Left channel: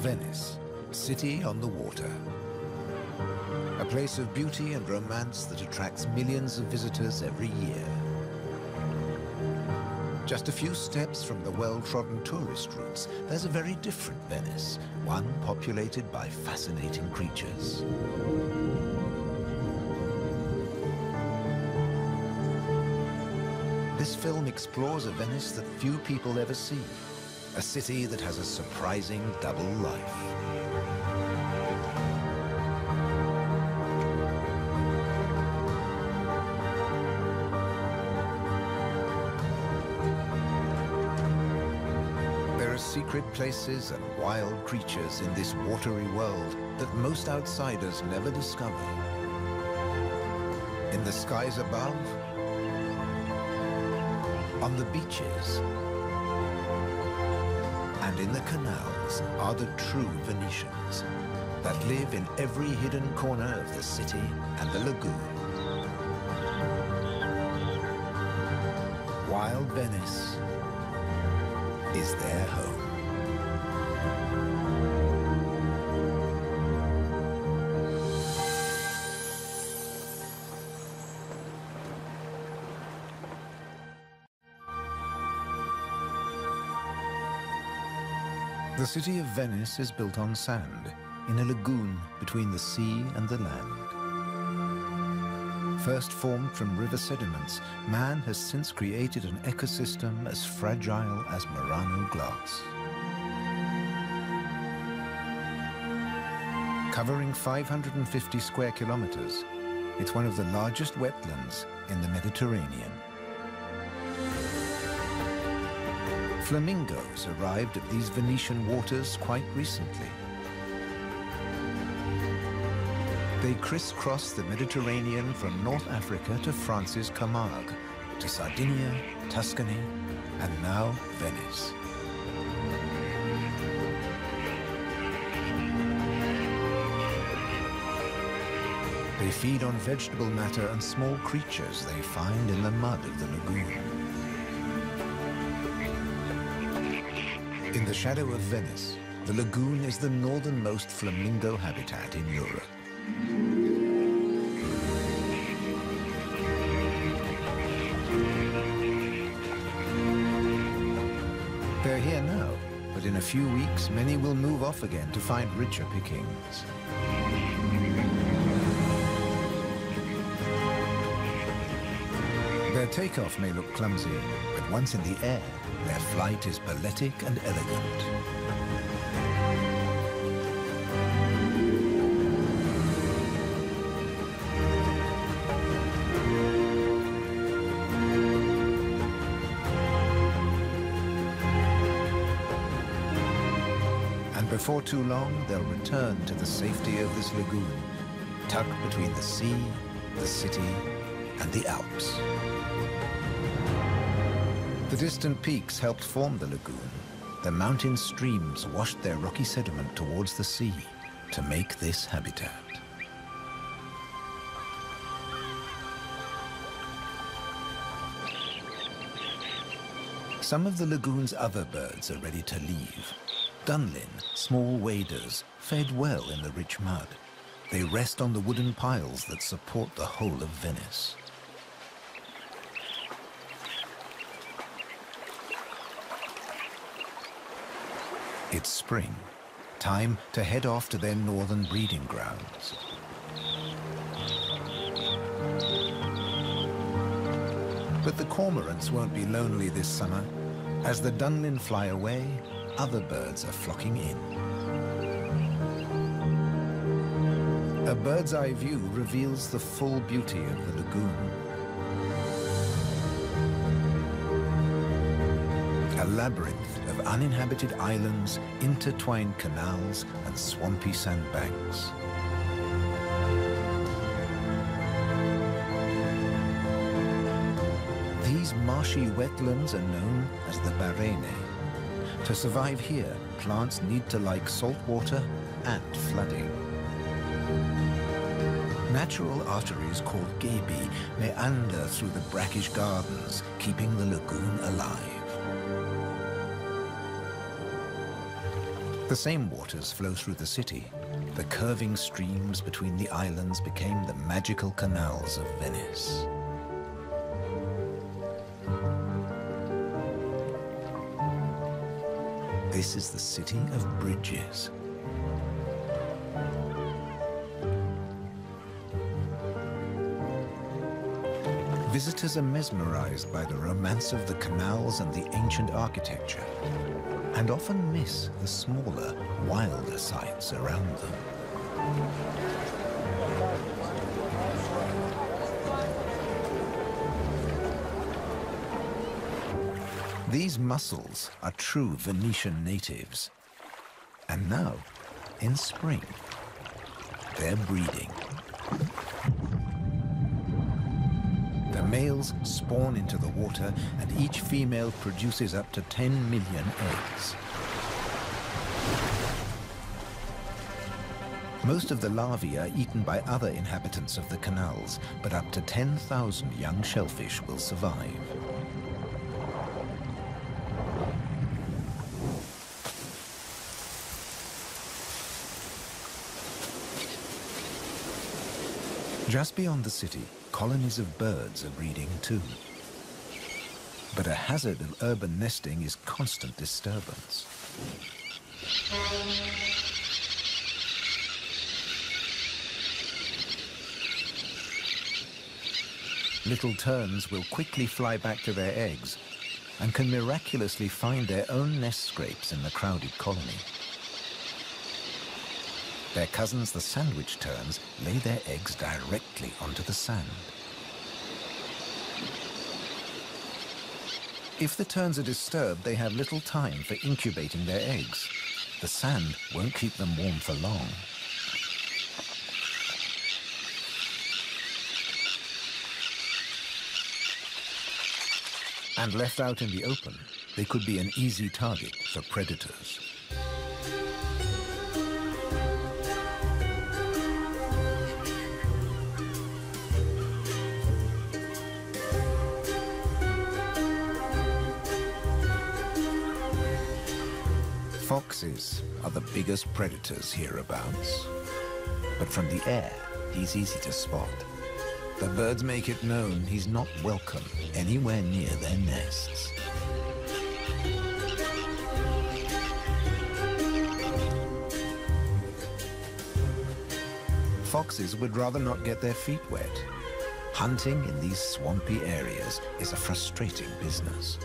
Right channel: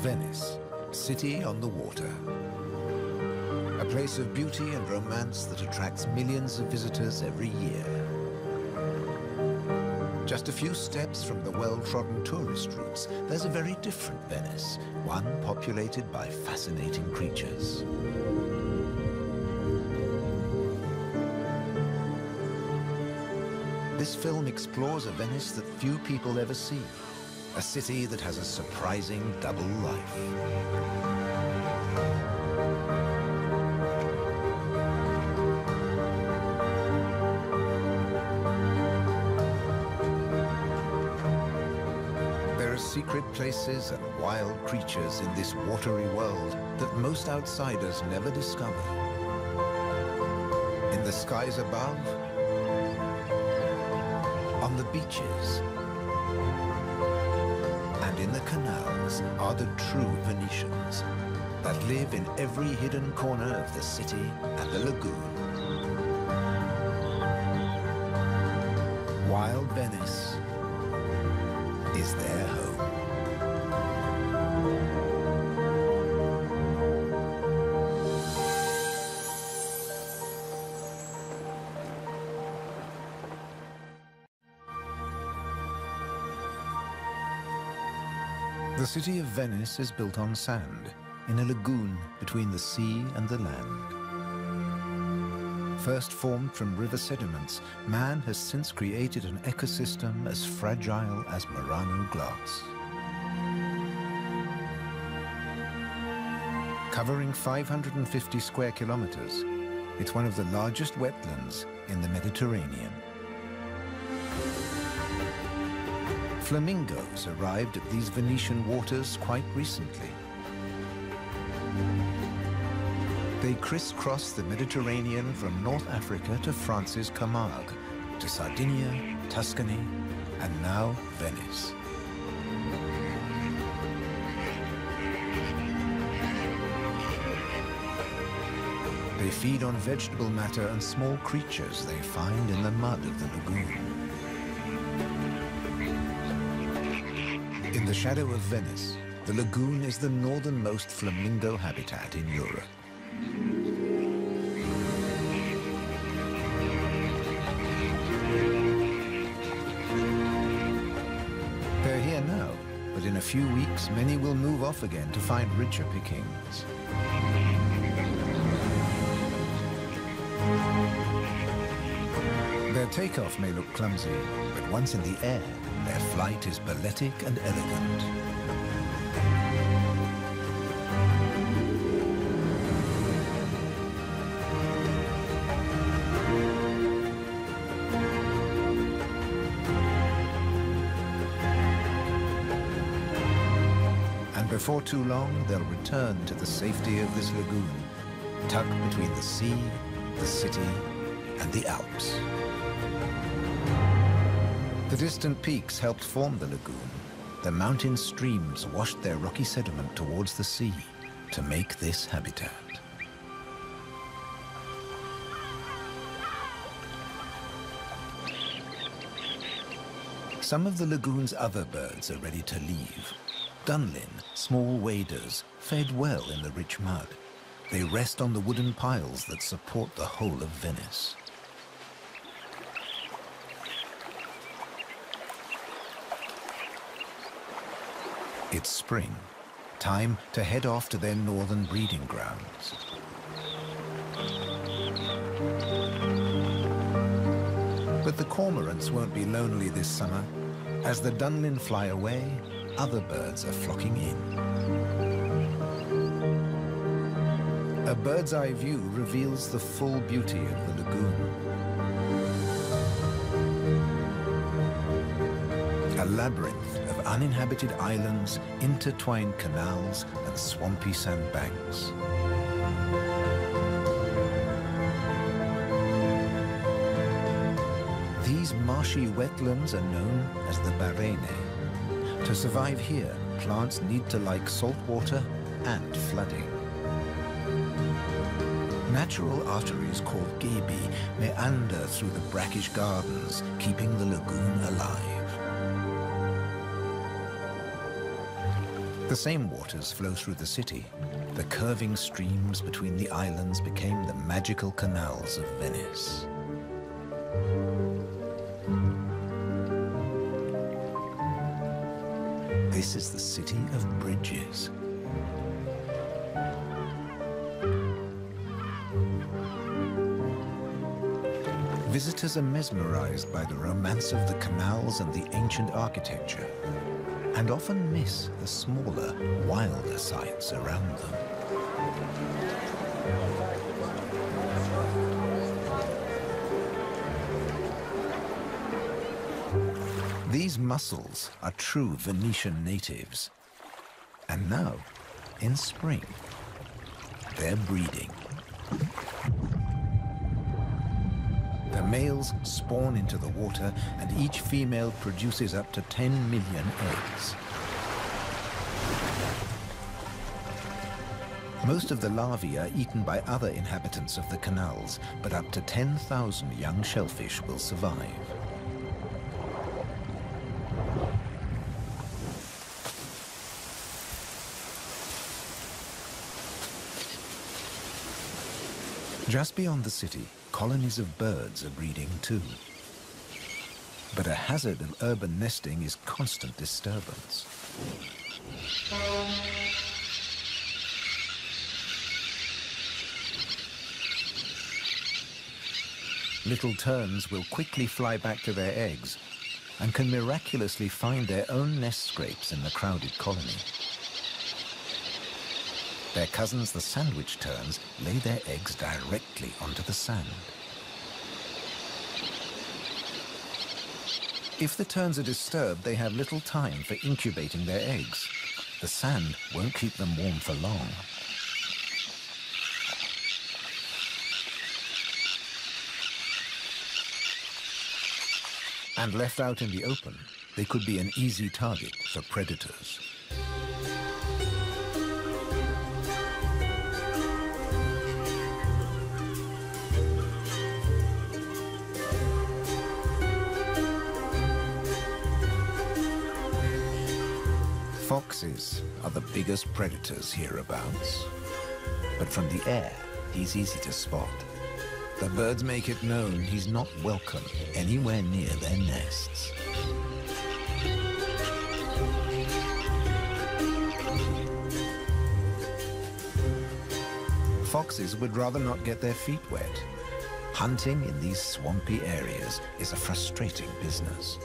Venice, city on the water. A place of beauty and romance that attracts millions of visitors every year. Just a few steps from the well-trodden tourist routes, there's a very different Venice, one populated by fascinating creatures. This film explores a Venice that few people ever see, a city that has a surprising double life. There are secret places and wild creatures in this watery world that most outsiders never discover. In the skies above, on the beaches, and in the canals are the true Venetians that live in every hidden corner of the city and the lagoon. Wild Venice is their home. The city of Venice is built on sand, in a lagoon between the sea and the land. First formed from river sediments, man has since created an ecosystem as fragile as Murano glass. Covering 550 square kilometers, it's one of the largest wetlands in the Mediterranean. Flamingos arrived at these Venetian waters quite recently. They crisscross the Mediterranean from North Africa to France's Camargue, to Sardinia, Tuscany, and now Venice. They feed on vegetable matter and small creatures they find in the mud of the lagoon. In the shadow of Venice, the lagoon is the northernmost flamingo habitat in Europe. They're here now, but in a few weeks, many will move off again to find richer pickings. Their takeoff may look clumsy, but once in the air, their flight is balletic and elegant. And before too long, they'll return to the safety of this lagoon, tucked between the sea, the city, and the Alps. The distant peaks helped form the lagoon. The mountain streams washed their rocky sediment towards the sea to make this habitat. Some of the lagoon's other birds are ready to leave. Dunlin, small waders, fed well in the rich mud. They rest on the wooden piles that support the whole of Venice. It's spring, time to head off to their northern breeding grounds. But the cormorants won't be lonely this summer. As the Dunlin fly away, other birds are flocking in. A bird's eye view reveals the full beauty of the lagoon. A labyrinth of uninhabited islands, intertwined canals, and swampy sandbanks. These marshy wetlands are known as the Barene. To survive here, plants need to like salt water and flooding. Natural arteries called gabi meander through the brackish gardens, keeping the lagoon alive. The same waters flow through the city. The curving streams between the islands became the magical canals of Venice. This is the city of bridges. Visitors are mesmerized by the romance of the canals and the ancient architecture, and often miss the smaller, wilder sights around them. These mussels are true Venetian natives. And now, in spring, they're breeding. The males spawn into the water, and each female produces up to 10 million eggs. Most of the larvae are eaten by other inhabitants of the canals, but up to 10,000 young shellfish will survive. Just beyond the city, colonies of birds are breeding too. But a hazard of urban nesting is constant disturbance. Little terns will quickly fly back to their eggs and can miraculously find their own nest scrapes in the crowded colony. Their cousins, the sandwich terns, lay their eggs directly onto the sand. If the terns are disturbed, they have little time for incubating their eggs. The sand won't keep them warm for long. And left out in the open, they could be an easy target for predators. Foxes are the biggest predators hereabouts. But from the air, he's easy to spot. The birds make it known he's not welcome anywhere near their nests. Foxes would rather not get their feet wet. Hunting in these swampy areas is a frustrating business.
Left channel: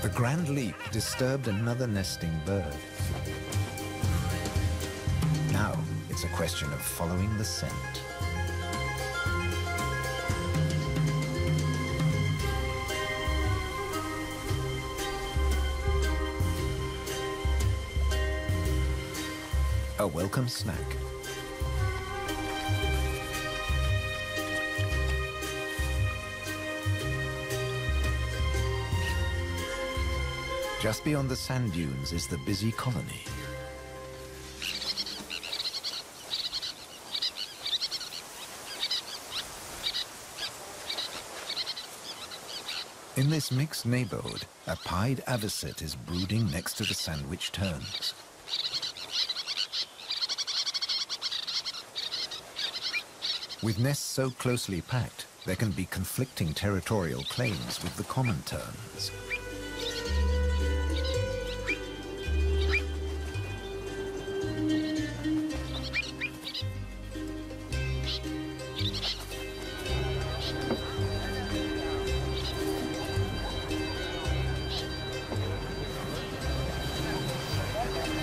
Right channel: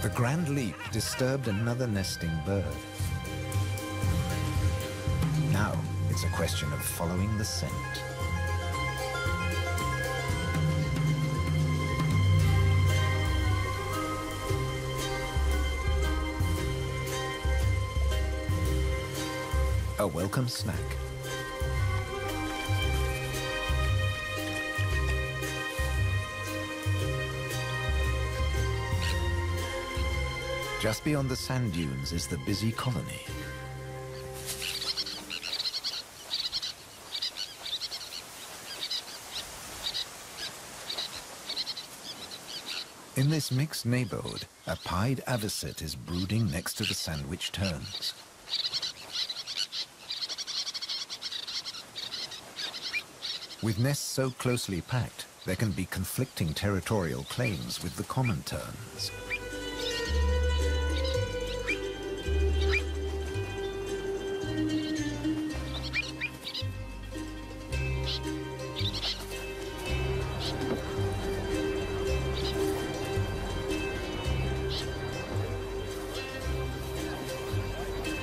The grand leap disturbed another nesting bird. Now it's a question of following the scent. A welcome snack. Just beyond the sand dunes is the busy colony. In this mixed neighborhood, a pied avocet is brooding next to the sandwich terns. With nests so closely packed, there can be conflicting territorial claims with the common terns.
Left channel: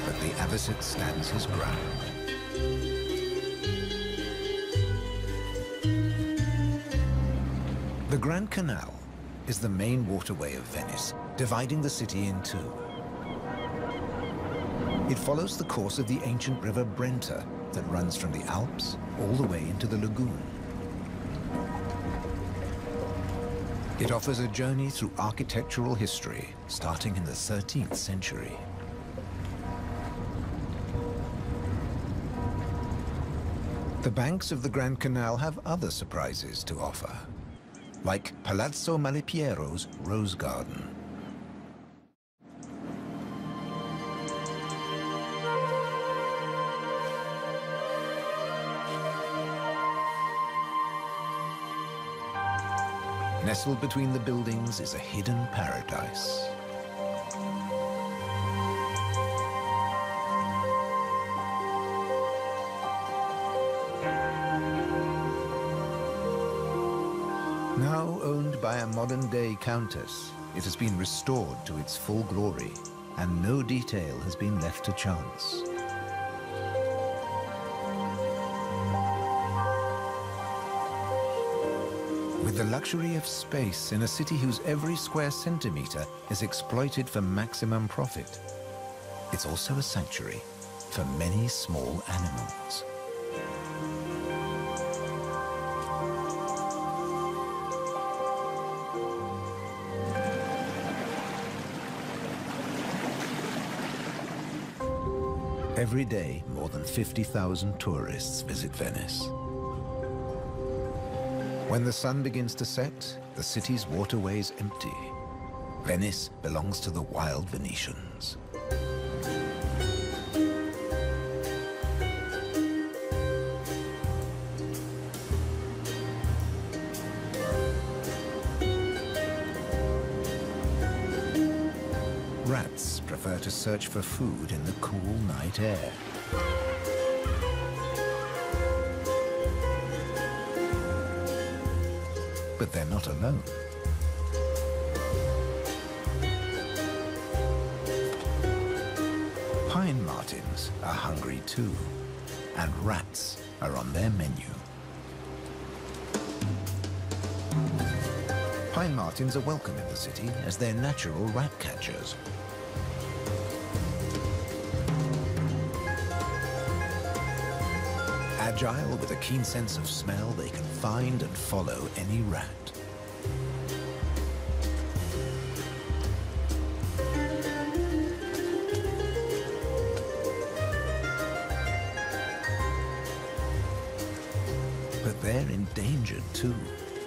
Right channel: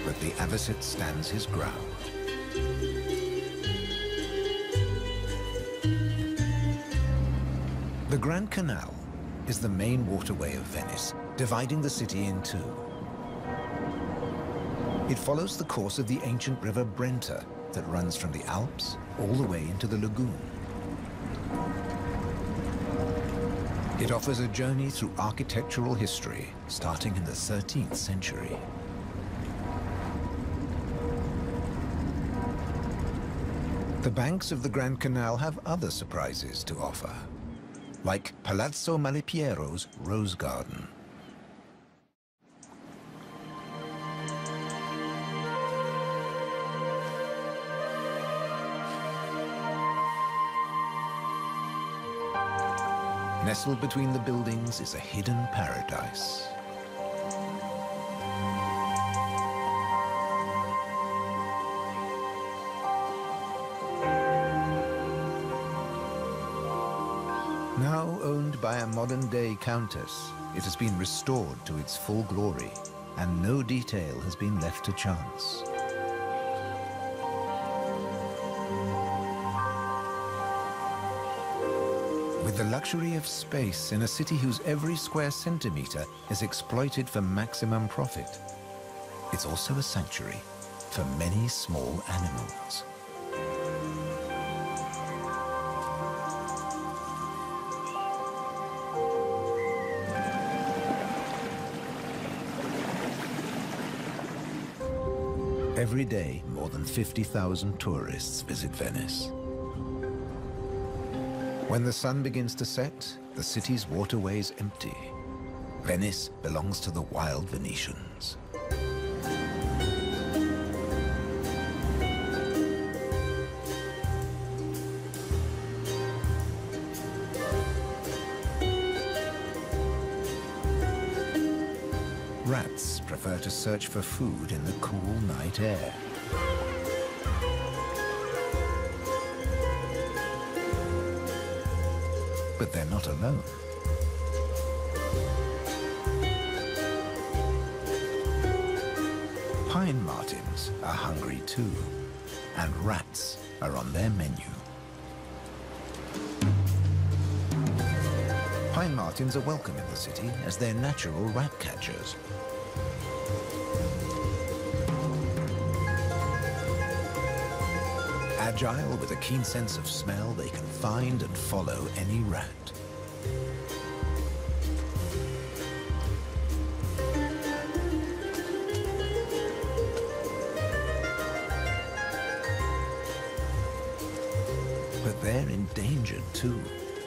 But the avocet stands his ground. The Grand Canal is the main waterway of Venice, dividing the city in two. It follows the course of the ancient river Brenta that runs from the Alps all the way into the lagoon. It offers a journey through architectural history starting in the 13th century. The banks of the Grand Canal have other surprises to offer, like Palazzo Malipiero's Rose Garden. Nestled between the buildings is a hidden paradise. Now owned by a modern-day countess, it has been restored to its full glory, and no detail has been left to chance. With the luxury of space in a city whose every square centimeter is exploited for maximum profit, it's also a sanctuary for many small animals. Every day, more than 50,000 tourists visit Venice. When the sun begins to set, the city's waterways empty. Venice belongs to the wild Venetians. Rats prefer to search for food in the cool night air. But they're not alone. Pine martins are hungry too, and rats are on their menu. Pine martins are welcome in the city as they're natural rat catchers. Agile with a keen sense of smell, they can find and follow any rat. But they're endangered too.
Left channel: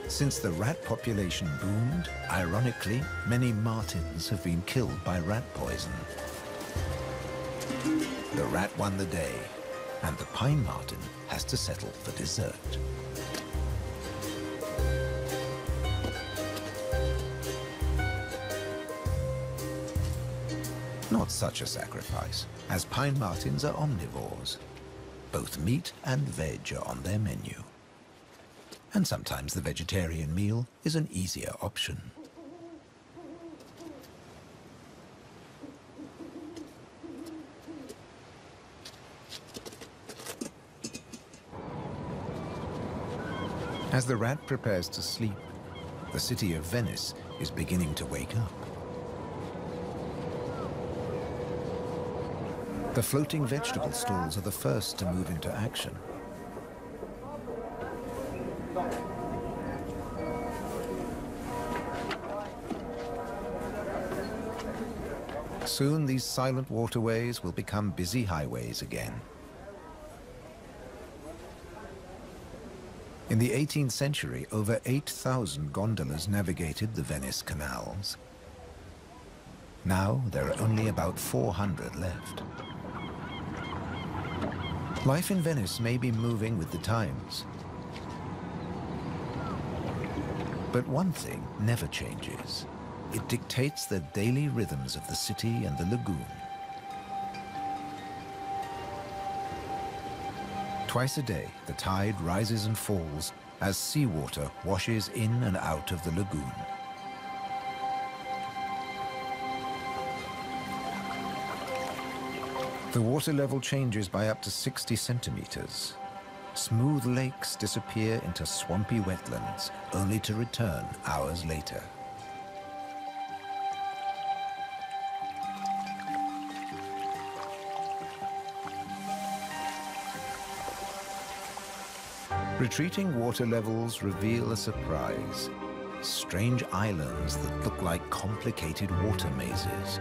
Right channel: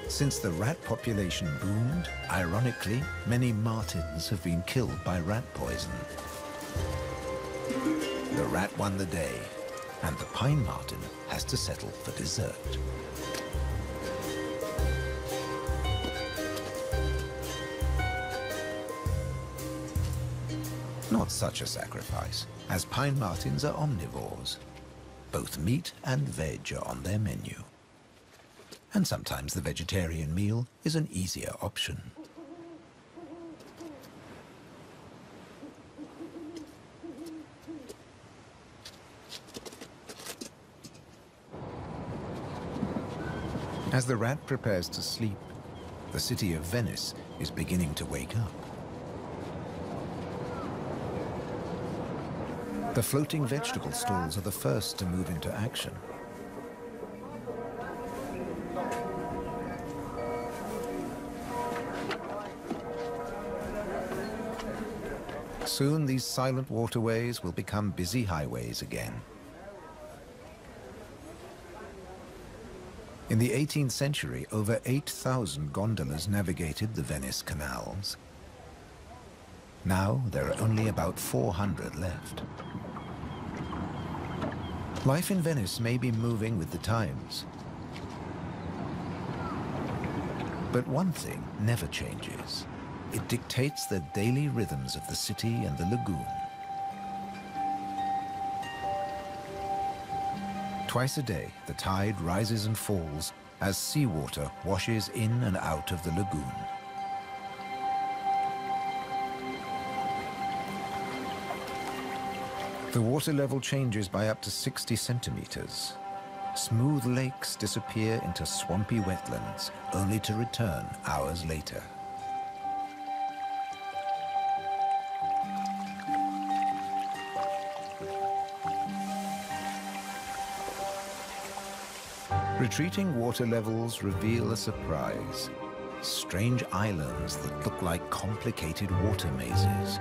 Since the rat population boomed, ironically, many martins have been killed by rat poison. The rat won the day, and the pine martin has to settle for dessert. Not such a sacrifice, as pine martins are omnivores. Both meat and veg are on their menu. And sometimes the vegetarian meal is an easier option. As the rat prepares to sleep, the city of Venice is beginning to wake up. The floating vegetable stalls are the first to move into action. Soon these silent waterways will become busy highways again. In the 18th century, over 8,000 gondolas navigated the Venice canals. Now there are only about 400 left. Life in Venice may be moving with the times. But one thing never changes. It dictates the daily rhythms of the city and the lagoon. Twice a day, the tide rises and falls as seawater washes in and out of the lagoon. The water level changes by up to 60 centimeters. Smooth lakes disappear into swampy wetlands, only to return hours later. Retreating water levels reveal a surprise. Strange islands that look like complicated water mazes.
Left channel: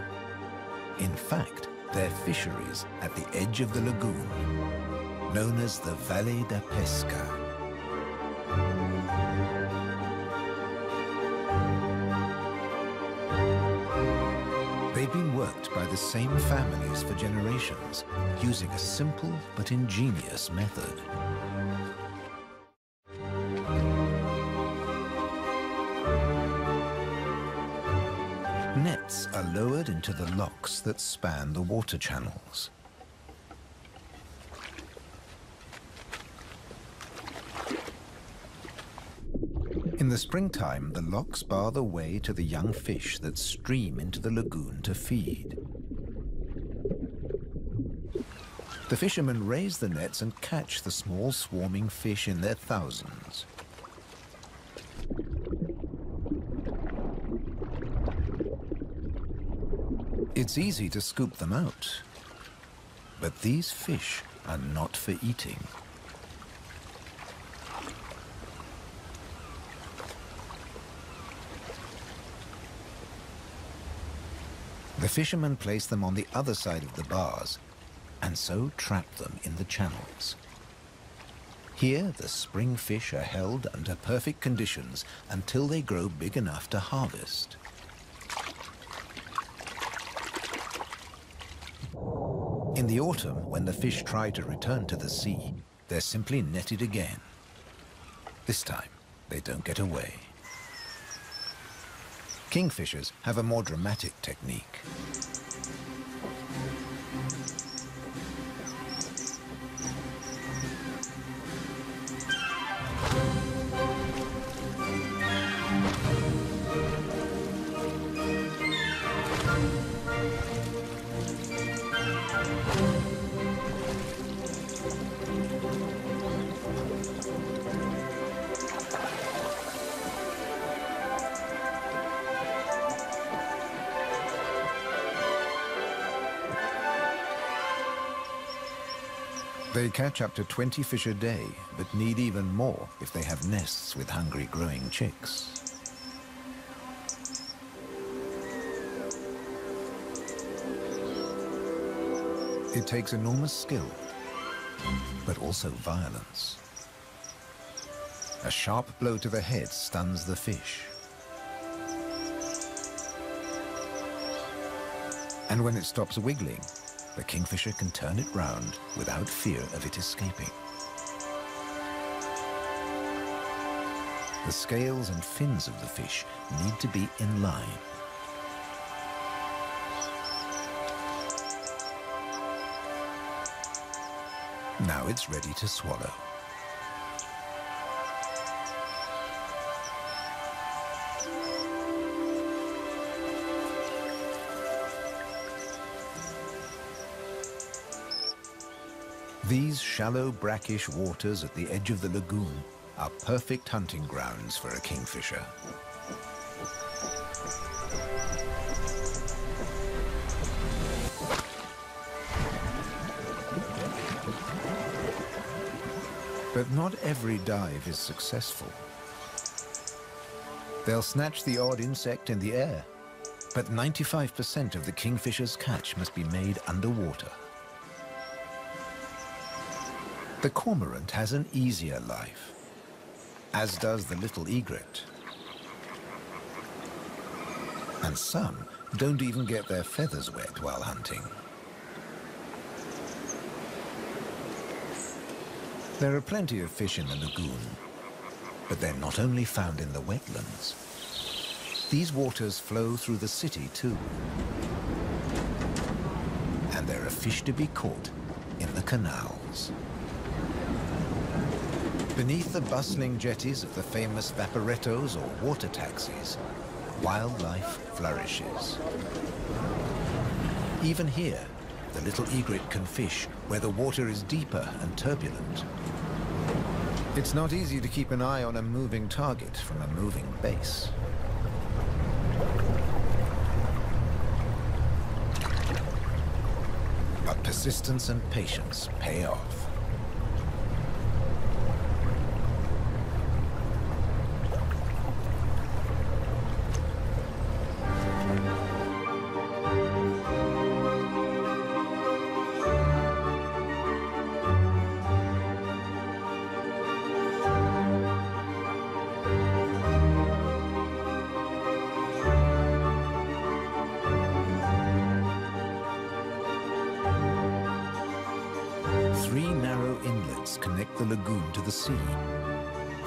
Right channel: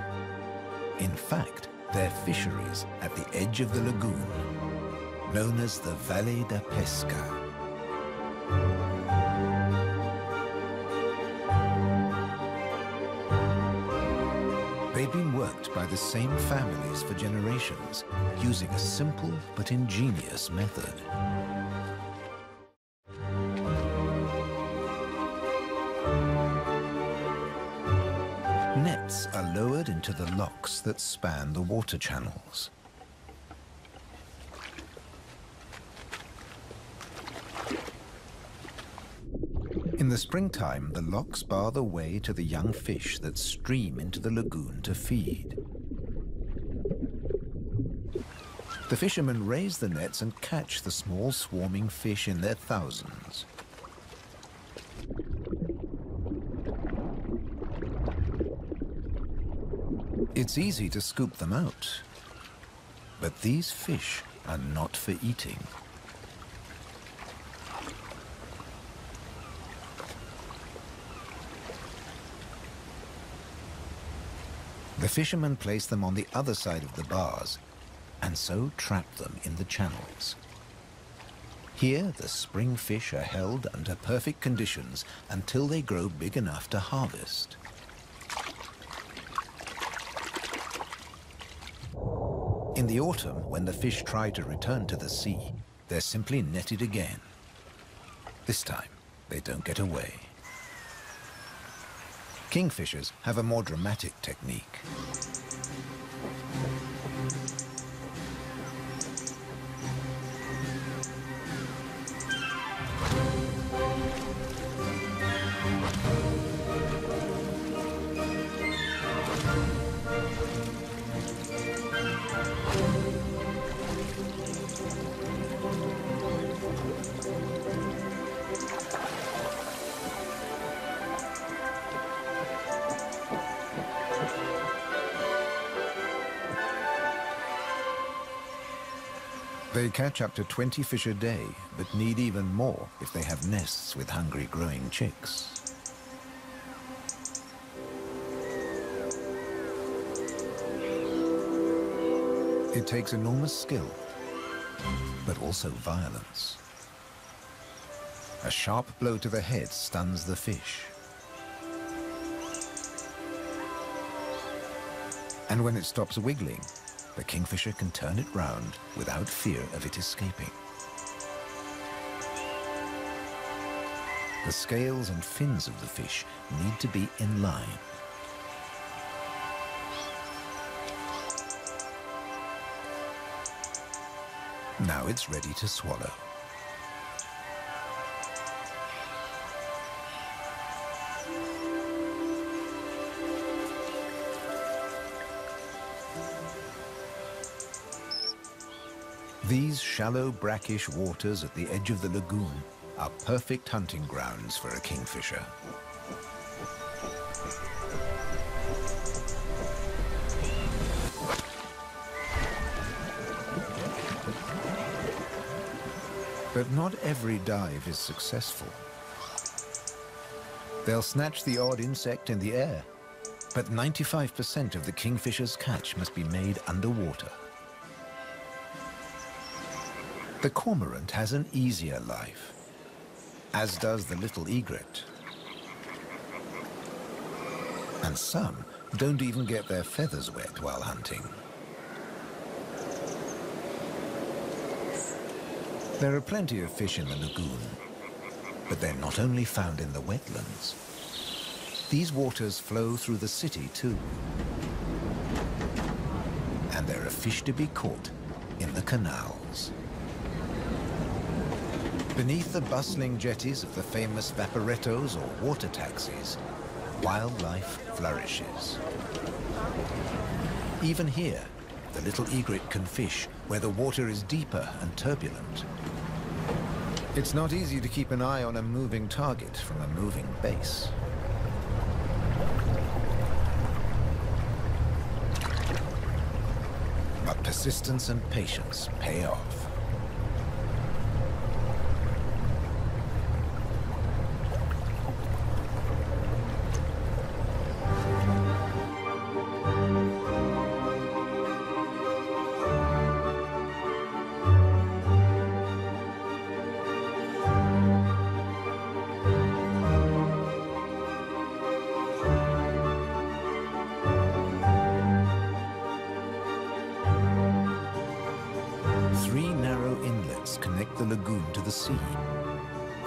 In fact, they're fisheries at the edge of the lagoon. known as the Valle da Pesca. They'd been worked by the same families for generations, using a simple but ingenious method. Nets are lowered into the locks that span the water channels. In the springtime, the locks bar the way to the young fish that stream into the lagoon to feed. The fishermen raise the nets and catch the small swarming fish in their thousands. It's easy to scoop them out, but these fish are not for eating. The fishermen place them on the other side of the bars and so trap them in the channels. Here, the spring fish are held under perfect conditions until they grow big enough to harvest. In the autumn, when the fish try to return to the sea, they're simply netted again. This time, they don't get away. Kingfishers have a more dramatic technique. They catch up to 20 fish a day, but need even more if they have nests with hungry growing chicks. It takes enormous skill, but also violence. A sharp blow to the head stuns the fish. And when it stops wiggling, the kingfisher can turn it round without fear of it escaping. The scales and fins of the fish need to be in line. Now it's ready to swallow. These shallow, brackish waters at the edge of the lagoon are perfect hunting grounds for a kingfisher. But not every dive is successful. They'll snatch the odd insect in the air, but 95% of the kingfisher's catch must be made underwater. The cormorant has an easier life, as does the little egret. And some don't even get their feathers wet while hunting. There are plenty of fish in the lagoon, but they're not only found in the wetlands. These waters flow through the city too. And there are fish to be caught in the canals. Beneath the bustling jetties of the famous vaporettos or water taxis, wildlife flourishes. Even here, the little egret can fish where the water is deeper and turbulent. It's not easy to keep an eye on a moving target from a moving base. But persistence and patience pay off. 3 narrow inlets connect the lagoon to the sea.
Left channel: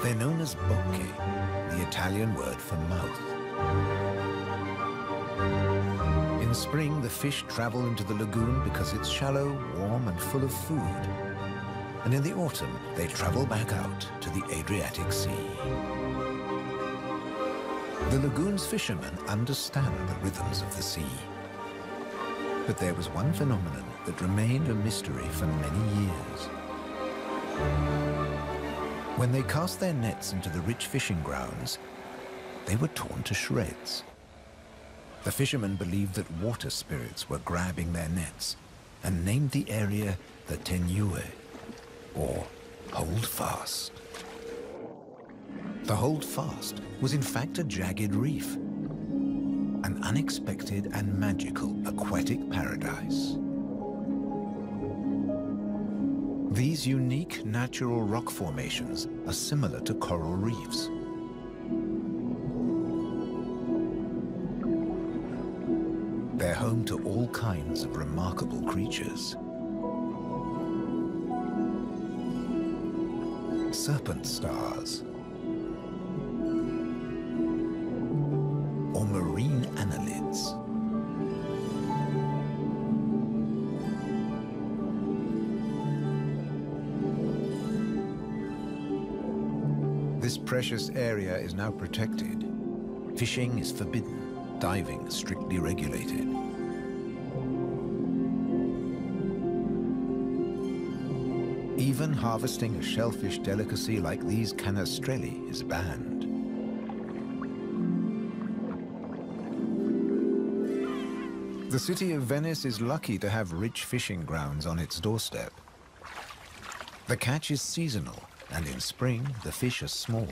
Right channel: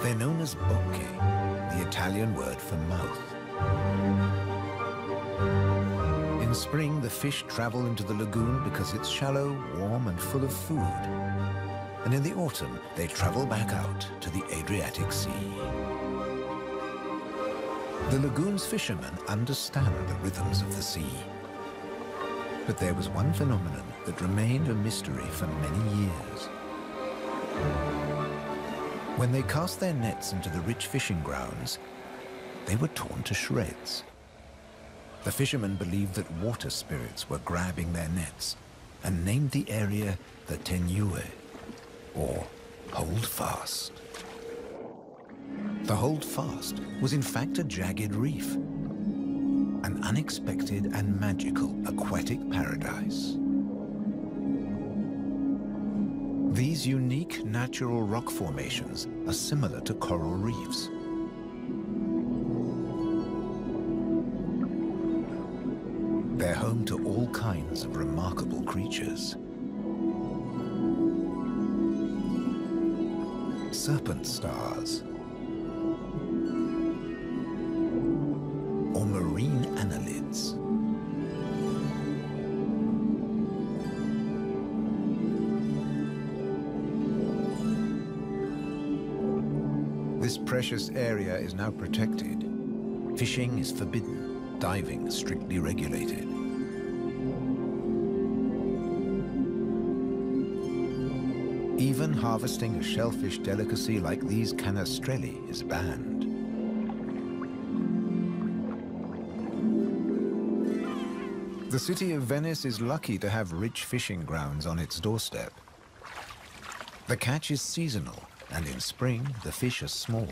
They're known as bocche, the Italian word for mouth. In spring, the fish travel into the lagoon because it's shallow, warm, and full of food. And in the autumn, they travel back out to the Adriatic Sea. The lagoon's fishermen understand the rhythms of the sea. But there was one phenomenon that remained a mystery for many years. When they cast their nets into the rich fishing grounds, they were torn to shreds. The fishermen believed that water spirits were grabbing their nets and named the area the Tenue, or Hold Fast. The Hold Fast was in fact a jagged reef, an unexpected and magical aquatic paradise. These unique natural rock formations are similar to coral reefs. They're home to all kinds of remarkable creatures. Serpent stars, or marine annelids. This precious area is now protected. Fishing is forbidden, diving strictly regulated. Even harvesting a shellfish delicacy like these canestrelli is banned. The city of Venice is lucky to have rich fishing grounds on its doorstep. The catch is seasonal, and in spring, the fish are small.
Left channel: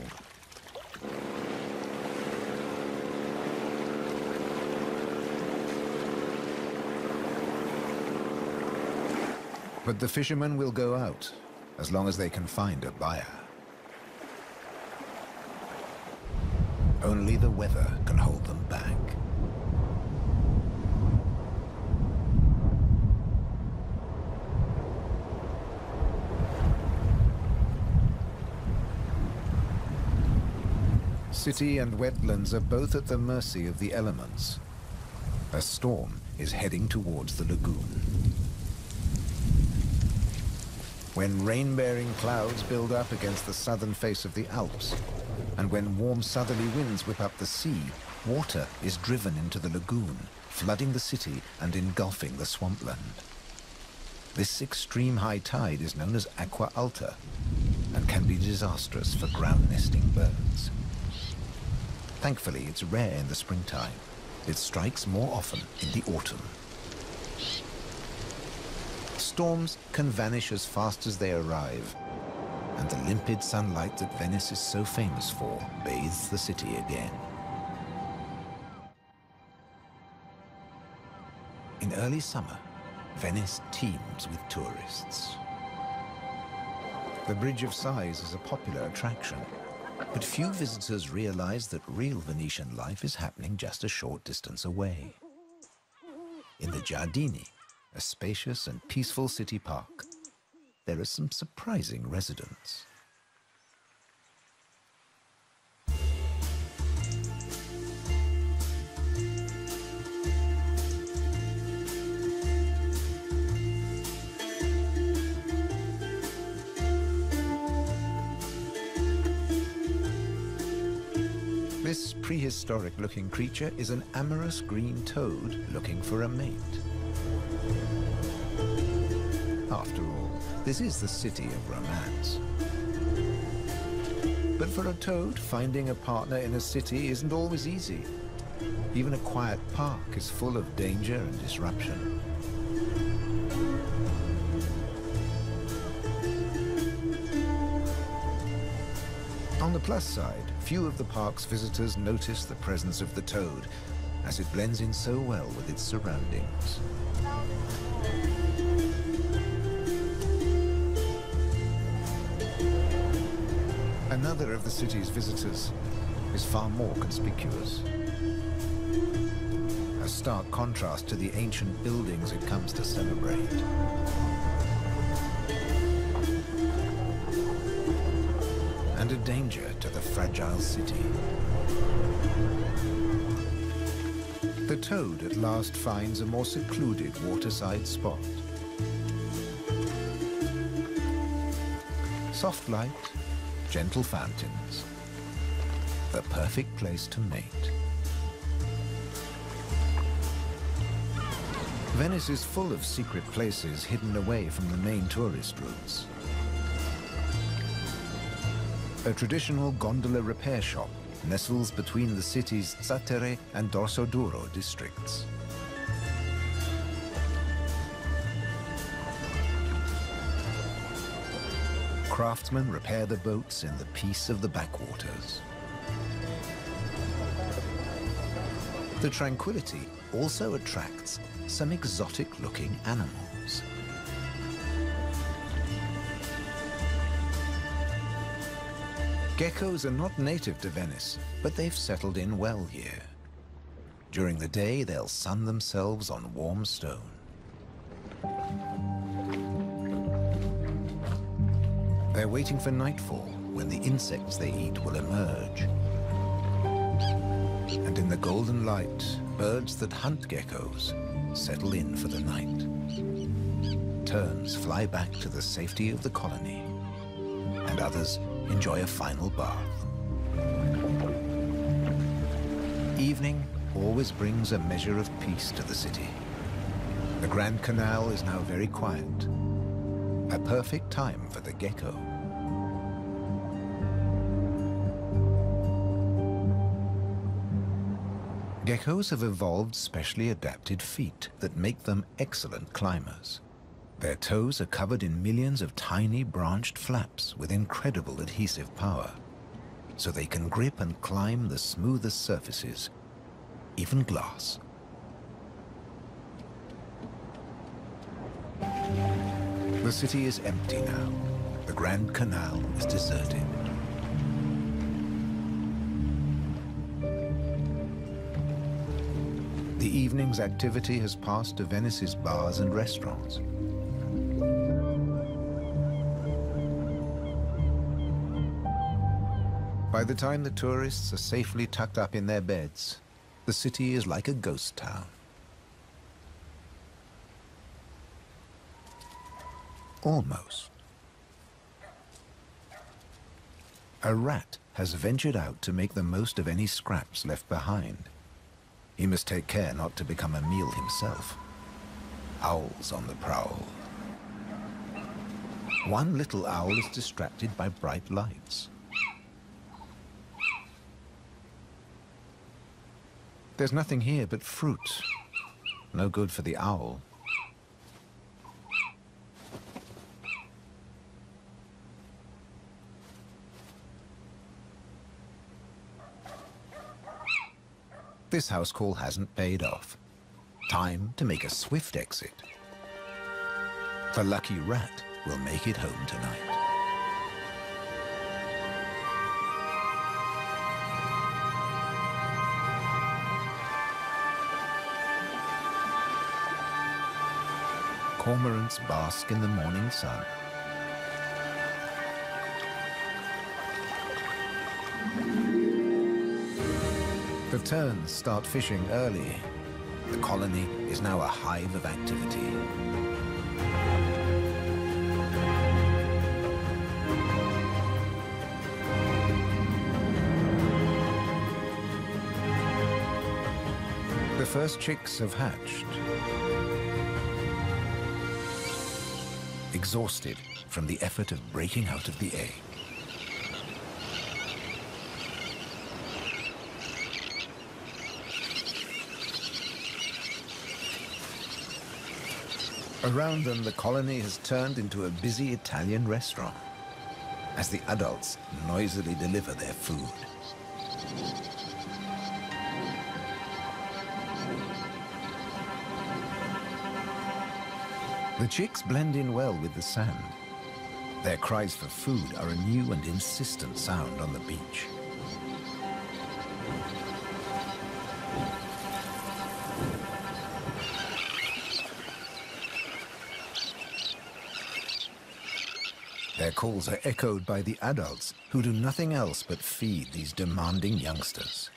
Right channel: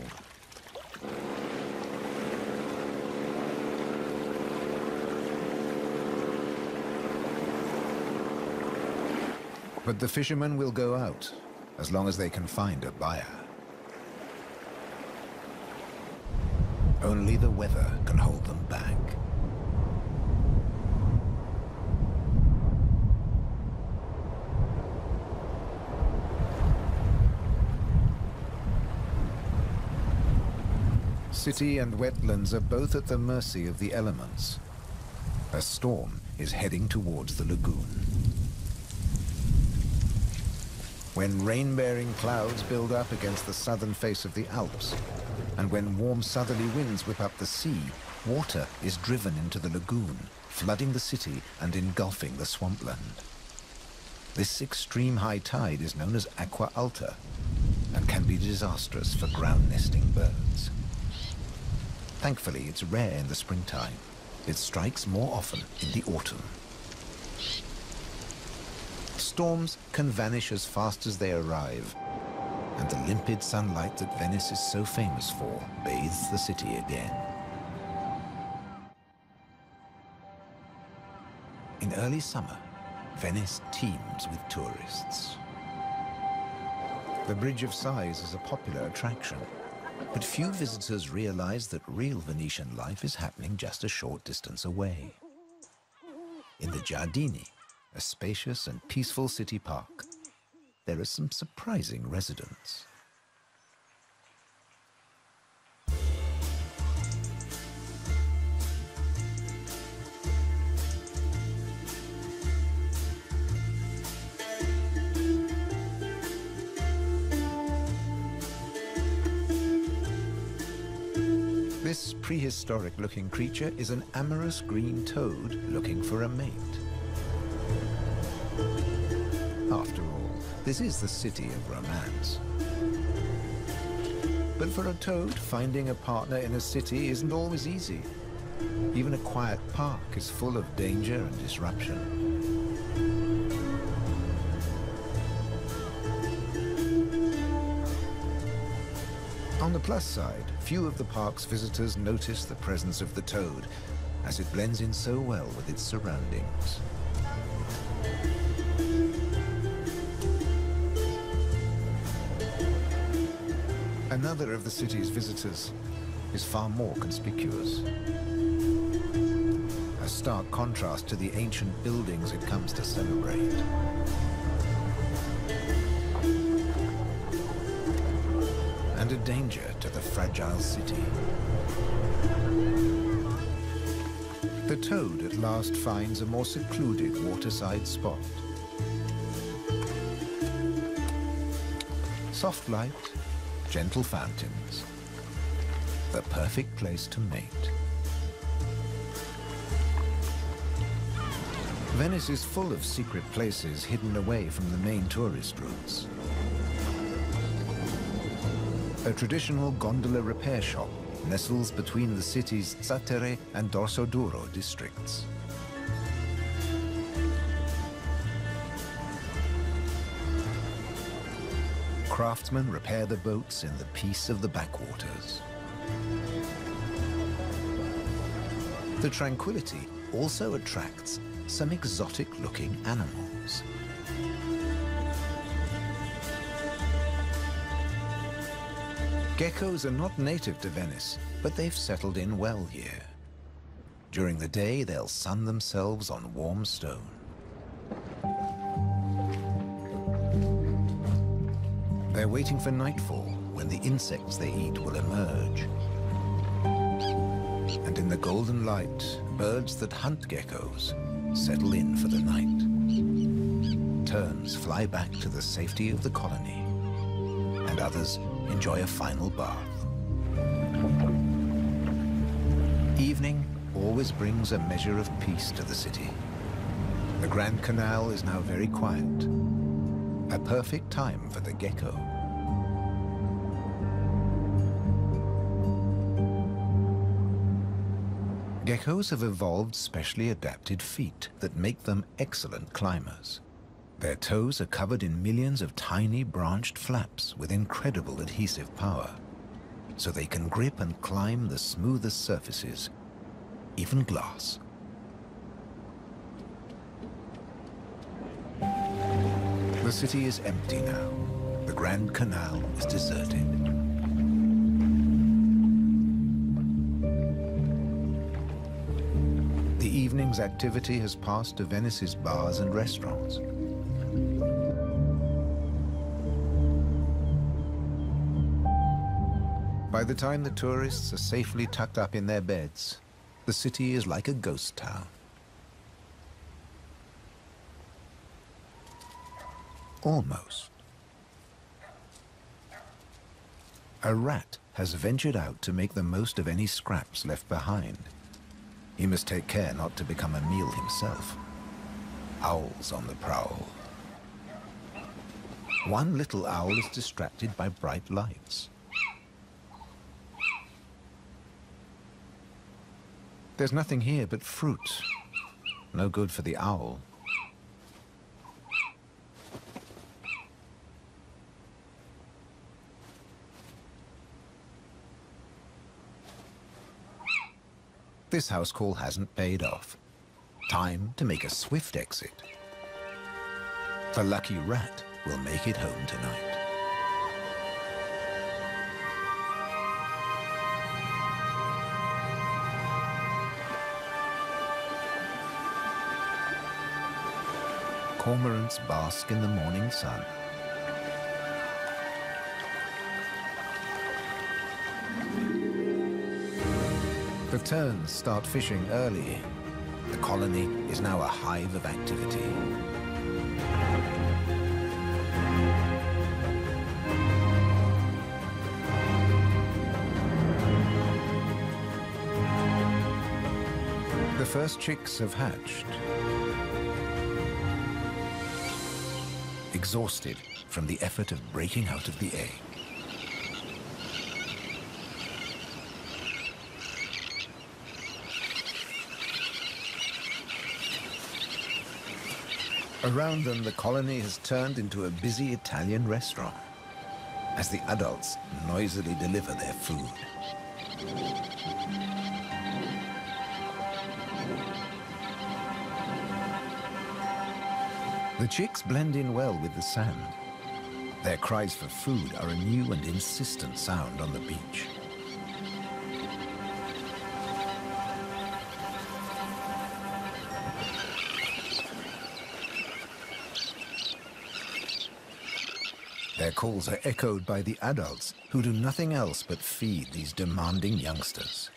But the fishermen will go out, as long as they can find a buyer. Only the weather can hold them back. City and wetlands are both at the mercy of the elements. A storm is heading towards the lagoon. When rain-bearing clouds build up against the southern face of the Alps, and when warm southerly winds whip up the sea, water is driven into the lagoon, flooding the city and engulfing the swampland. This extreme high tide is known as aqua alta and can be disastrous for ground-nesting birds. Thankfully, it's rare in the springtime. It strikes more often in the autumn. Storms can vanish as fast as they arrive, and the limpid sunlight that Venice is so famous for bathes the city again. In early summer, Venice teems with tourists. The Bridge of Sighs is a popular attraction, but few visitors realize that real Venetian life is happening just a short distance away. In the Giardini, a spacious and peaceful city park, there are some surprising residents. This prehistoric-looking creature is an amorous green toad looking for a mate. After all, this is the city of romance. But for a toad, finding a partner in a city isn't always easy. Even a quiet park is full of danger and disruption. On the plus side, few of the park's visitors notice the presence of the toad, as it blends in so well with its surroundings. Another of the city's visitors is far more conspicuous. A stark contrast to the ancient buildings it comes to celebrate. and a danger to the fragile city. The toad at last finds a more secluded waterside spot. Soft light, gentle fountains, the perfect place to mate. Venice is full of secret places hidden away from the main tourist routes. A traditional gondola repair shop nestles between the city's Zattere and Dorsoduro districts. Craftsmen repair the boats in the peace of the backwaters. The tranquility also attracts some exotic-looking animals. Geckos are not native to Venice, but they've settled in well here. During the day, they'll sun themselves on warm stone. They're waiting for nightfall, when the insects they eat will emerge. And in the golden light, birds that hunt geckos settle in for the night. Terns fly back to the safety of the colony, and others enjoy a final bath. Evening always brings a measure of peace to the city. The Grand Canal is now very quiet, a perfect time for the gecko. Geckos have evolved specially adapted feet that make them excellent climbers. Their toes are covered in millions of tiny branched flaps with incredible adhesive power, so they can grip and climb the smoothest surfaces, even glass. The city is empty now. The Grand Canal is deserted. The evening's activity has passed to Venice's bars and restaurants. By the time the tourists are safely tucked up in their beds, the city is like a ghost town. Almost. A rat has ventured out to make the most of any scraps left behind. He must take care not to become a meal himself. Owls on the prowl. One little owl is distracted by bright lights. There's nothing here but fruit. No good for the owl. This house call hasn't paid off. Time to make a swift exit. The lucky rat will make it home tonight. Cormorants bask in the morning sun. The terns start fishing early. The colony is now a hive of activity. The first chicks have hatched. Exhausted from the effort of breaking out of the egg. Around them, the colony has turned into a busy Italian restaurant as the adults noisily deliver their food. The chicks blend in well with the sand. Their cries for food are a new and insistent sound on the beach. Their calls are echoed by the adults, who do nothing else but feed these demanding youngsters.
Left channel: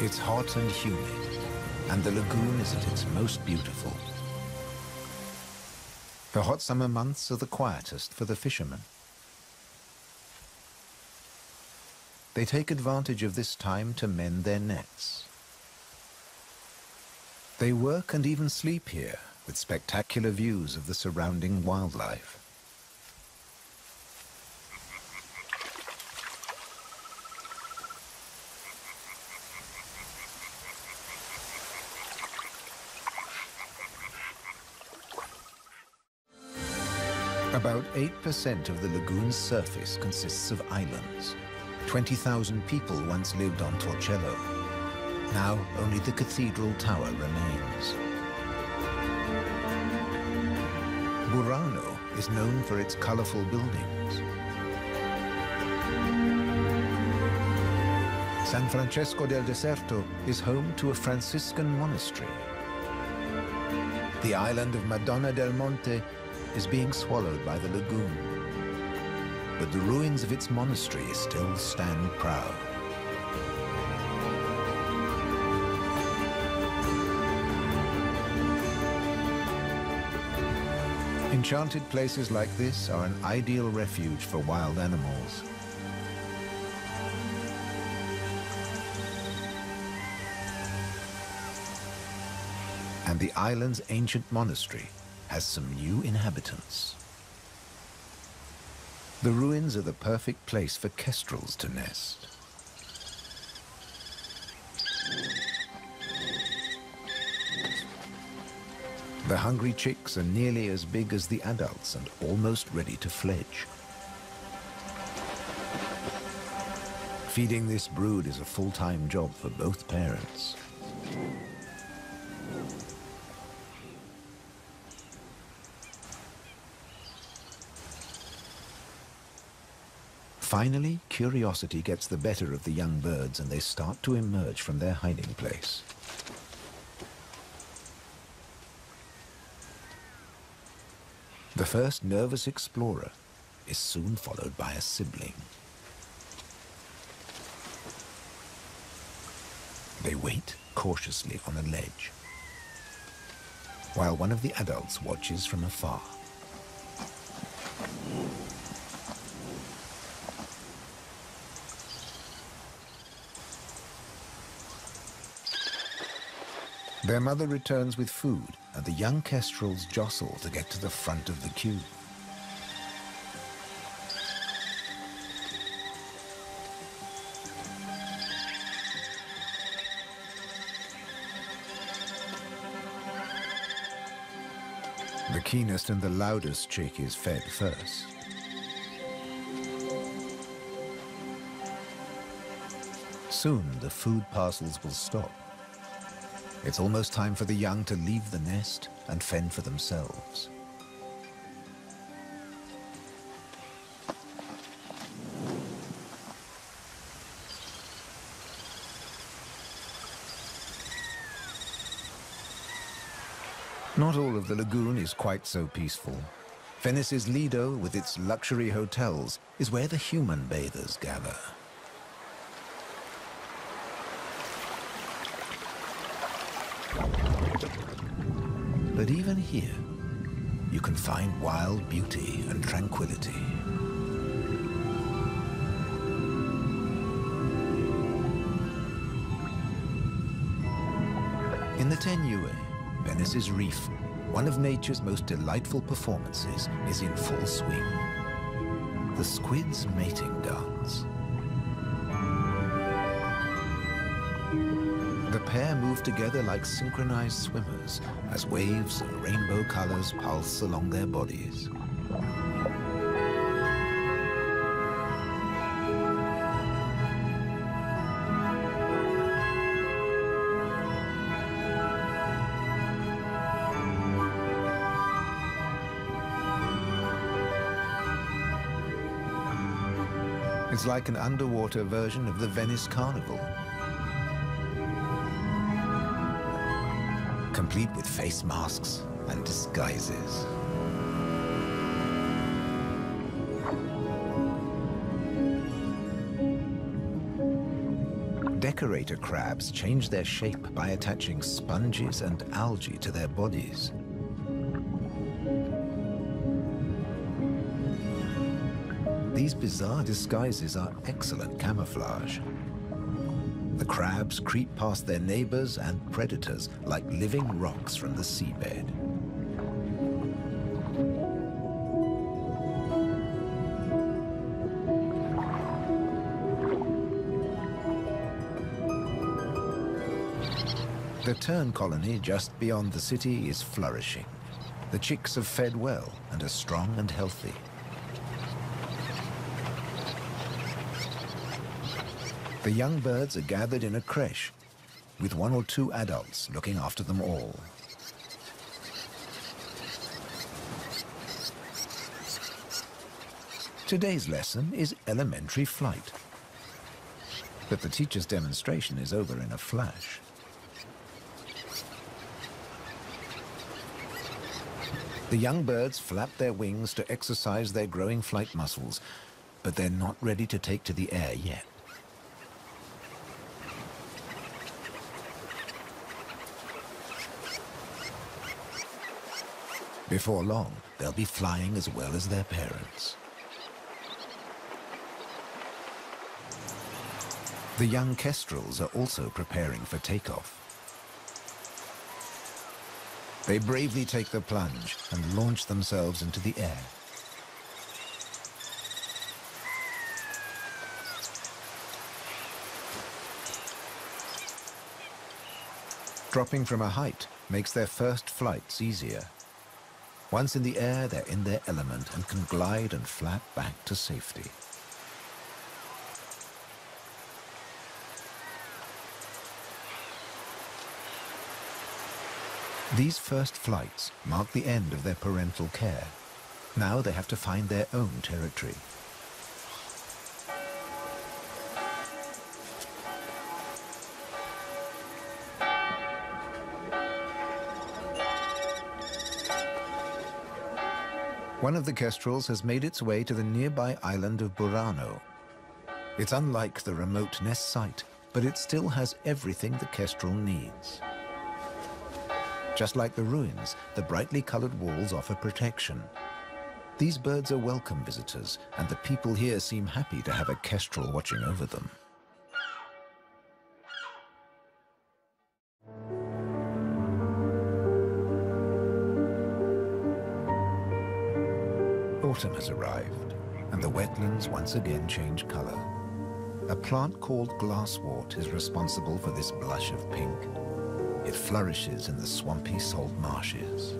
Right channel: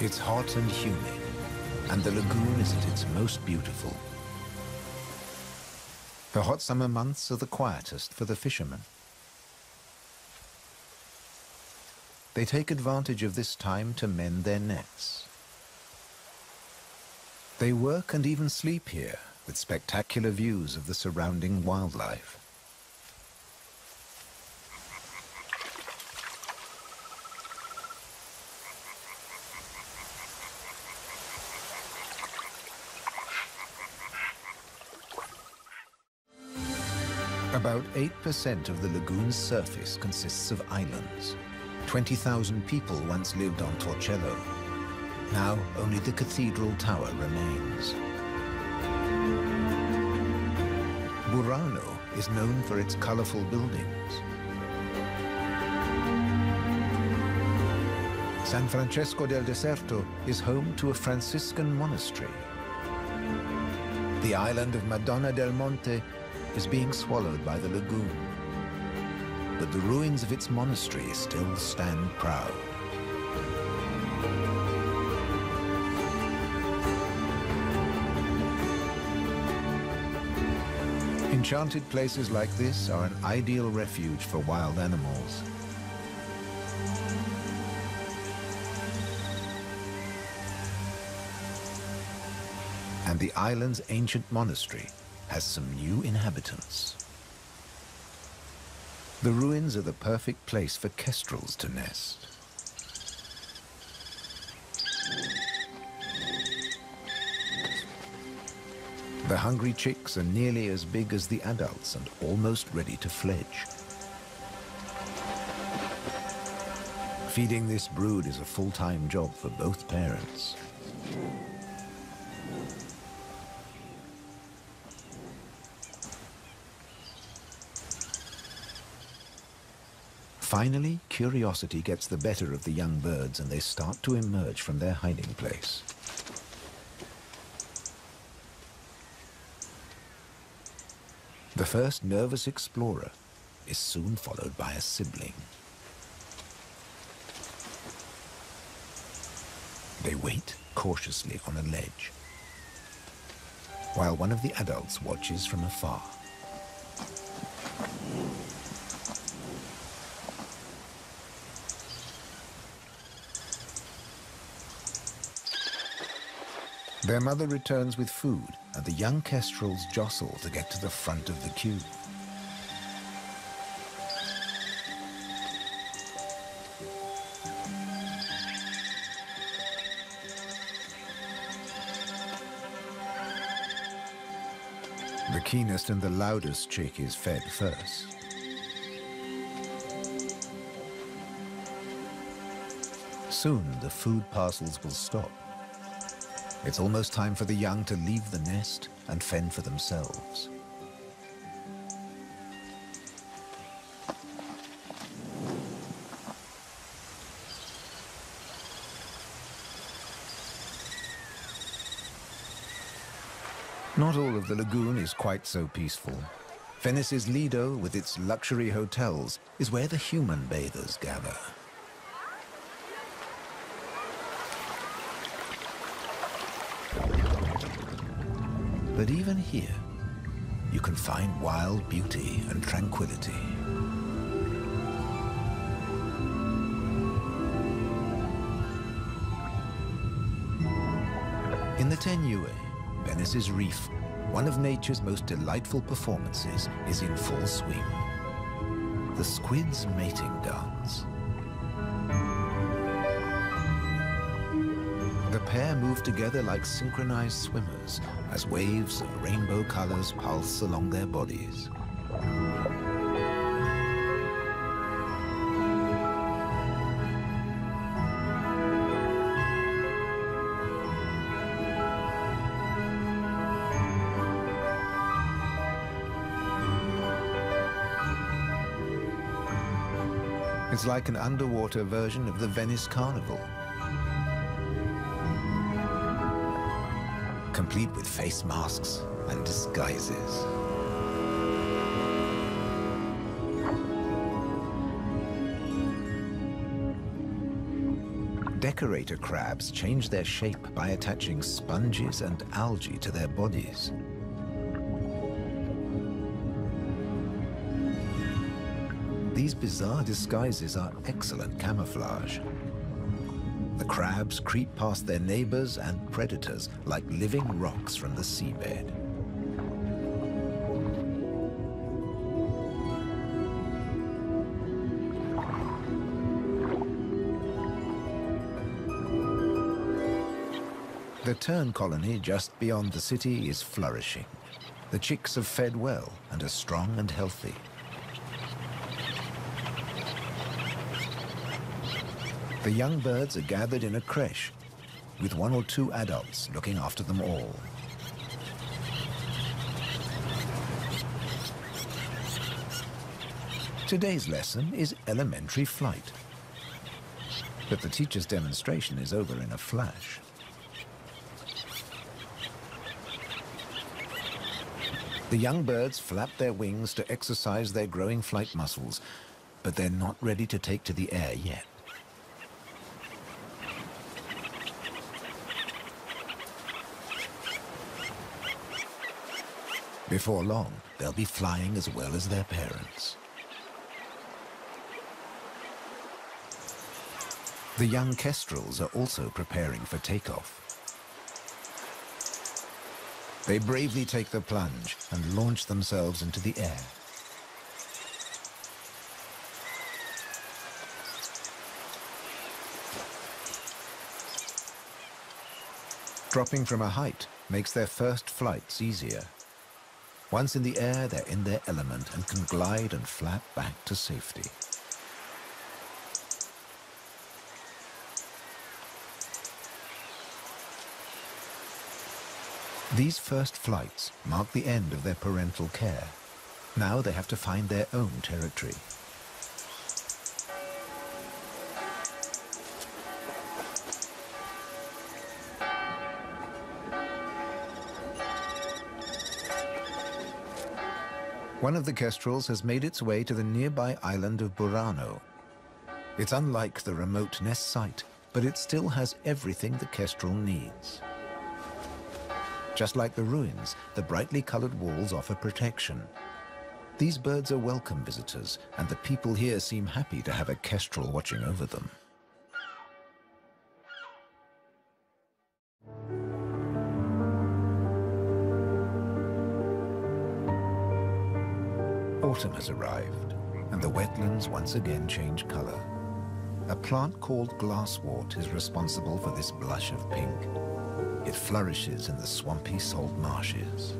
It's hot and humid, and the lagoon is at its most beautiful. The hot summer months are the quietest for the fishermen. They take advantage of this time to mend their nets. They work and even sleep here, with spectacular views of the surrounding wildlife. About 8% of the lagoon's surface consists of islands. 20,000 people once lived on Torcello. Now only the cathedral tower remains. Burano is known for its colorful buildings. San Francesco del Deserto is home to a Franciscan monastery. The island of Madonna del Monte is being swallowed by the lagoon, but the ruins of its monastery still stand proud. Enchanted places like this are an ideal refuge for wild animals. And the island's ancient monastery has some new inhabitants. The ruins are the perfect place for kestrels to nest. The hungry chicks are nearly as big as the adults and almost ready to fledge. Feeding this brood is a full-time job for both parents. Finally, curiosity gets the better of the young birds and they start to emerge from their hiding place. The first nervous explorer is soon followed by a sibling. They wait cautiously on a ledge, while one of the adults watches from afar. Their mother returns with food, and the young kestrels jostle to get to the front of the queue. The keenest and the loudest chick is fed first. Soon the food parcels will stop. It's almost time for the young to leave the nest and fend for themselves. Not all of the lagoon is quite so peaceful. Venice's Lido, with its luxury hotels, is where the human bathers gather. But even here, you can find wild beauty and tranquility. In the Tenue, Venice's reef, one of nature's most delightful performances is in full swing. The squid's mating dance. The pair move together like synchronized swimmers as waves of rainbow colors pulse along their bodies. It's like an underwater version of the Venice Carnival, complete with face masks and disguises. Decorator crabs change their shape by attaching sponges and algae to their bodies. These bizarre disguises are excellent camouflage. The crabs creep past their neighbors and predators like living rocks from the seabed. The tern colony just beyond the city is flourishing. The chicks have fed well and are strong and healthy. The young birds are gathered in a creche, with 1 or 2 adults looking after them all. Today's lesson is elementary flight. But the teacher's demonstration is over in a flash. The young birds flap their wings to exercise their growing flight muscles, but they're not ready to take to the air yet. Before long, they'll be flying as well as their parents. The young kestrels are also preparing for takeoff. They bravely take the plunge and launch themselves into the air. Dropping from a height makes their first flights easier. Once in the air, they're in their element and can glide and flap back to safety. These first flights mark the end of their parental care. Now they have to find their own territory. One of the kestrels has made its way to the nearby island of Burano. It's unlike the remote nest site, but it still has everything the kestrel needs. Just like the ruins, the brightly colored walls offer protection. These birds are welcome visitors, and the people here seem happy to have a kestrel watching over them. Autumn has arrived, and the wetlands once again change color. A plant called glasswort is responsible for this blush of pink. It flourishes in the swampy salt marshes.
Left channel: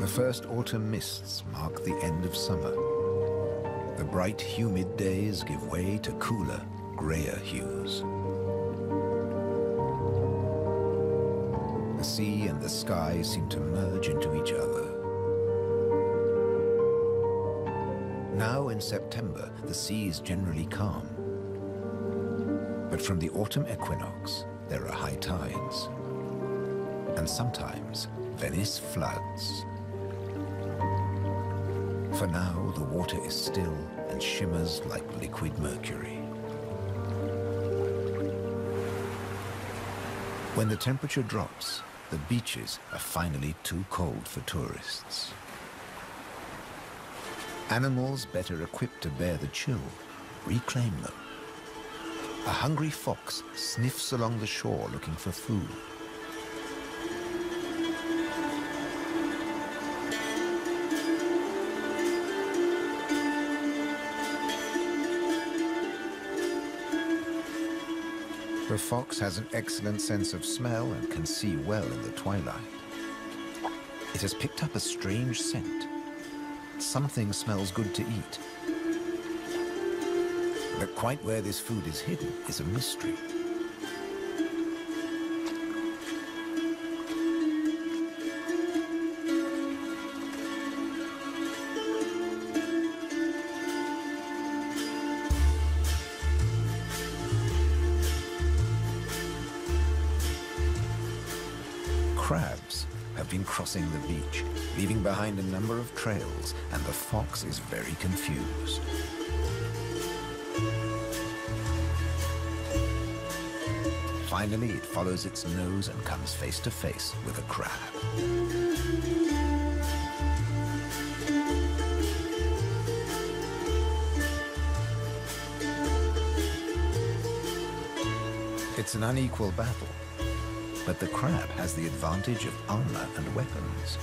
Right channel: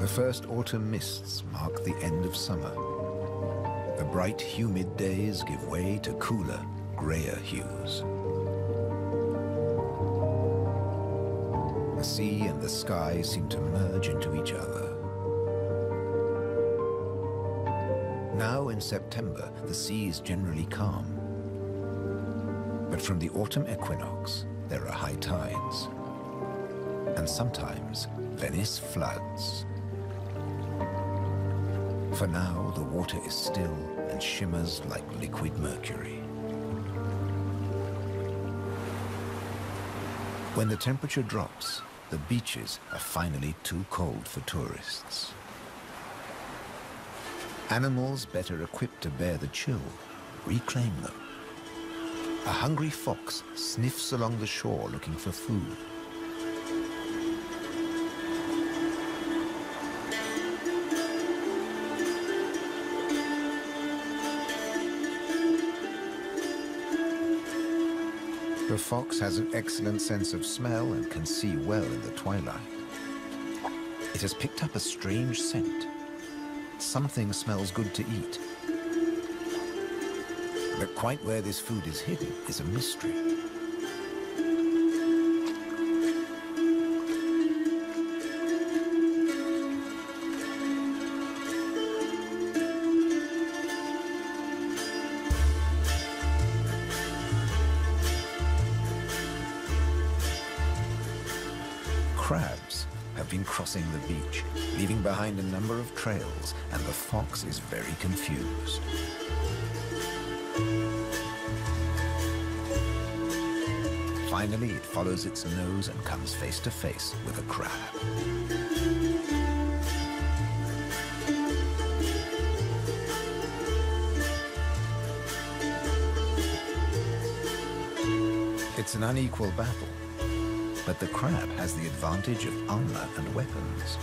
The first autumn mists mark the end of summer. The bright, humid days give way to cooler, grayer hues. The sea and the sky seem to merge into each other. Now in September, the sea is generally calm. But from the autumn equinox, there are high tides. And sometimes, Venice floods. For now, the water is still and shimmers like liquid mercury. When the temperature drops, the beaches are finally too cold for tourists. Animals better equipped to bear the chill reclaim them. A hungry fox sniffs along the shore looking for food. The fox has an excellent sense of smell and can see well in the twilight. It has picked up a strange scent. Something smells good to eat. But quite where this food is hidden is a mystery. Crabs have been crossing the beach, leaving behind a number of trails, and the fox is very confused. Finally, it follows its nose and comes face to face with a crab. It's an unequal battle, but the crab has the advantage of armor and weapons.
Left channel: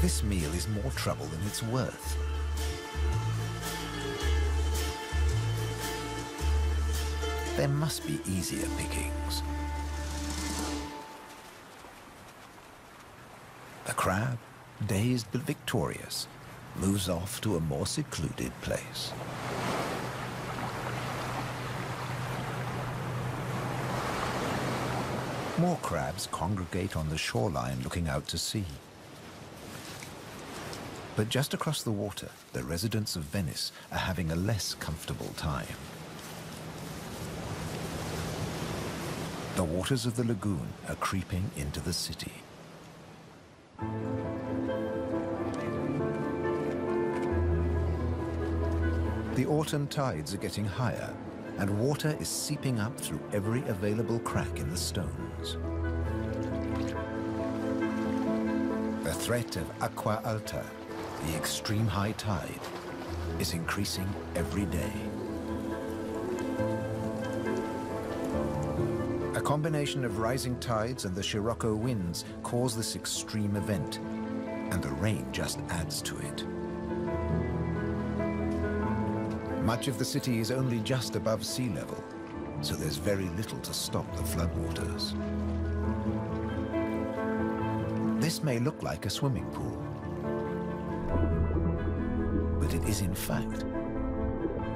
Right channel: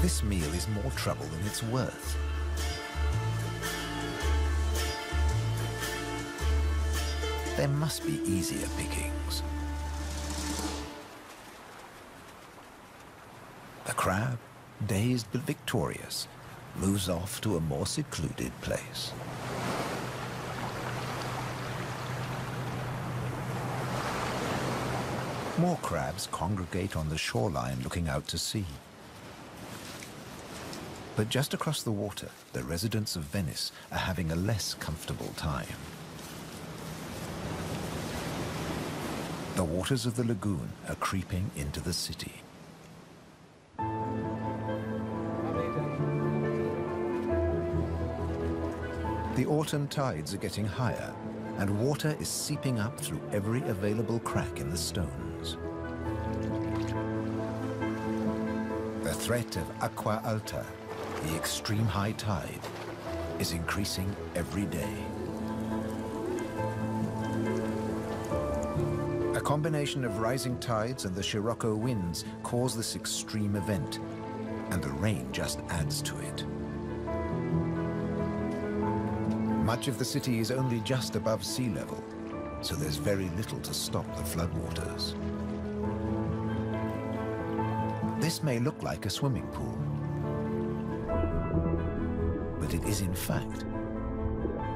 This meal is more trouble than it's worth. There must be easier pickings. The crab, dazed but victorious, moves off to a more secluded place. More crabs congregate on the shoreline looking out to sea. But just across the water, the residents of Venice are having a less comfortable time. The waters of the lagoon are creeping into the city. The autumn tides are getting higher, and water is seeping up through every available crack in the stones. The threat of acqua alta, the extreme high tide, is increasing every day. A combination of rising tides and the Scirocco winds cause this extreme event, and the rain just adds to it. Much of the city is only just above sea level, so there's very little to stop the floodwaters. This may look like a swimming pool, but it is in fact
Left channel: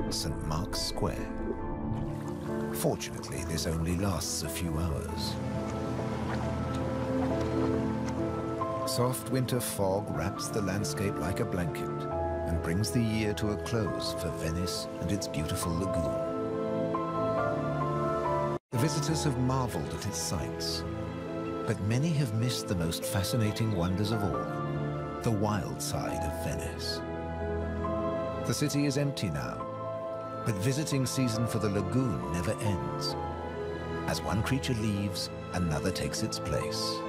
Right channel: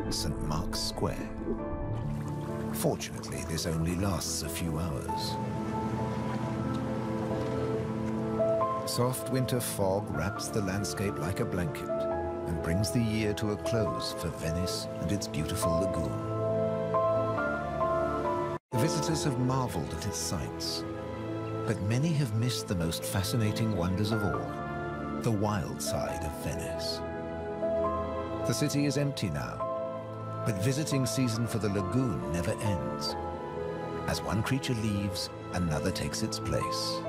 St. Mark's Square. Fortunately, this only lasts a few hours. Soft winter fog wraps the landscape like a blanket and brings the year to a close for Venice and its beautiful lagoon. The visitors have marveled at its sights, but many have missed the most fascinating wonders of all, the wild side of Venice. The city is empty now, but visiting season for the lagoon never ends. As one creature leaves, another takes its place.